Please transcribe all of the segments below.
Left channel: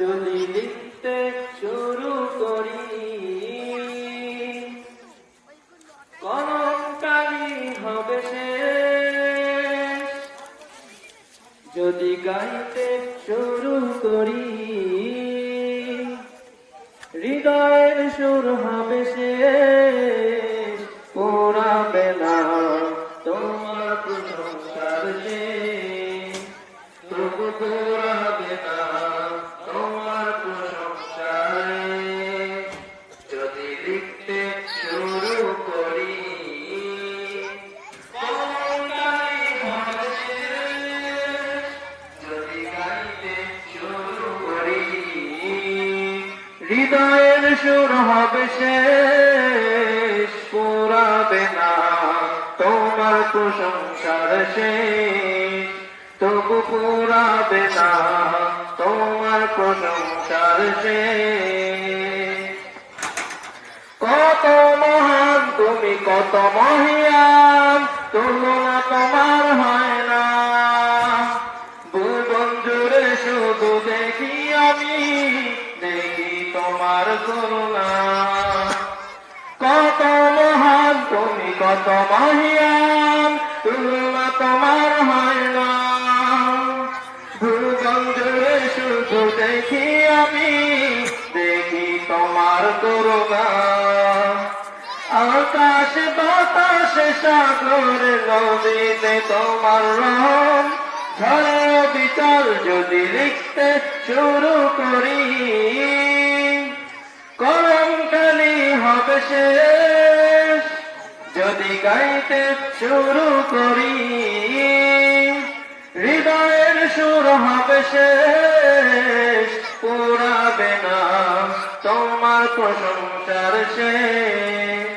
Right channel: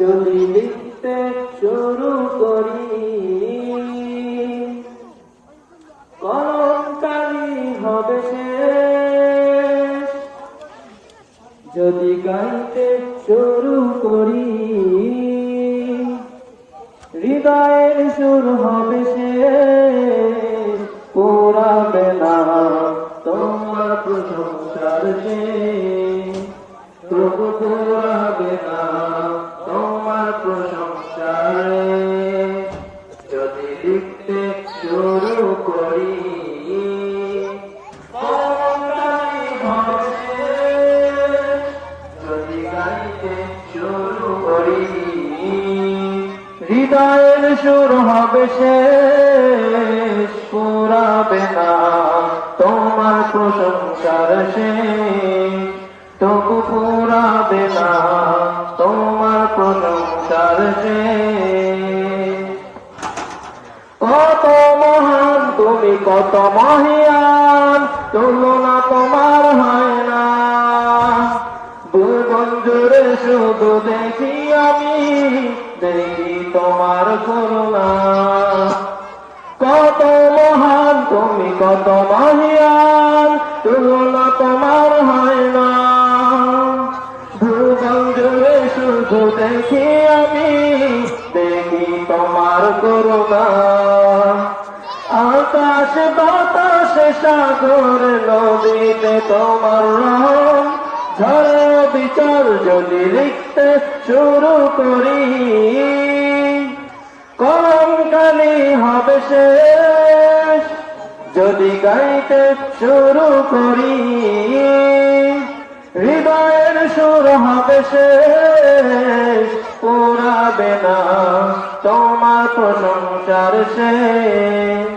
যদি লিখতে শুরু করি কলমকালি হবে শেষ। যদি গাইতে শুরু করি হৃদয়ের সুর হবে শেষ। পোড়াবে না তোমার প্রশংসার শেষ, তবু পোড়াবে না তোমার প্রশংসার। যদি লিখতে শুরু করি কলমকালি হবে শেষ। যদি গাইতে শুরু করি হৃদয়ের সুর হবে শেষ। পুরাবে না তোমার প্রশংসার শেষ, তবু পুরাবে না তোমার প্রশংসার শেষ। কত মহান তুমি, কত মহিয়ান, তুলনা তোমার হয় না। ভুবন জুড়ে শুধু দেখি আমি, দেখি তোমার করুণা। কত মহান তুমি, কত মহিয়ান, তুলনা তোমার হয় না। ভুবন জুড়ে শুধু দেখি আমি, দেখি তোমার করুণা। আকাশ বাতাস সাগর নদীতে তোমার রহম, ঝড়ে বিচার যদি লিখতে শুরু করি কলমকালি হবে শেষ। যদি গাইতে শুরু করি হৃদয়ের সুর হবে শেষ। পুরাবে না তোমার প্রশংসার শেষ,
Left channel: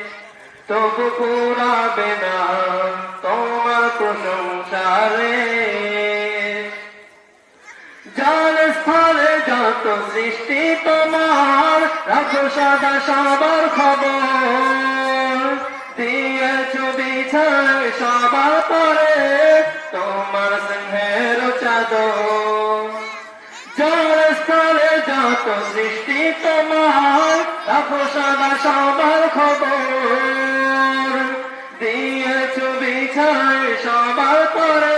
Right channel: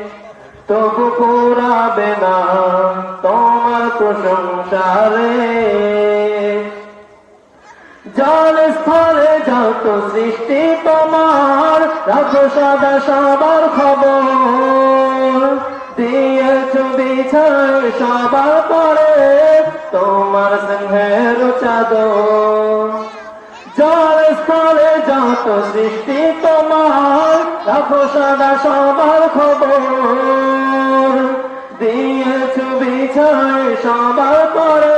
তবু পুরাবে না তোমার প্রশংসারে। জল স্থলে যত সৃষ্টি তোমার, রাখো সদা সবার খবর। দিয়েছ বিছায় সবার পরে তোমার স্নেহের চাদর। জল স্থলে যত সৃষ্টি তোমার, রাখো সদা সবার খবর। দিয়েছ বিছায় সবার পরে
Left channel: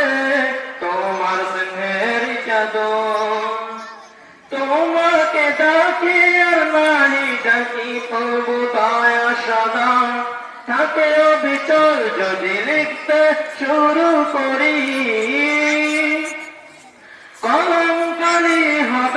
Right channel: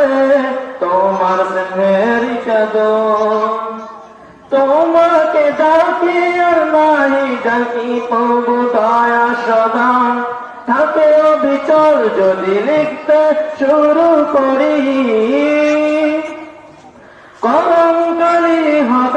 তোমার স্নেহের চাদর। তোমাকে ডাকি আর নাহি ডাকি পাবো দয়া সদা, থাকে অবিচল যদি লিখতে শুরু করি কলমকালি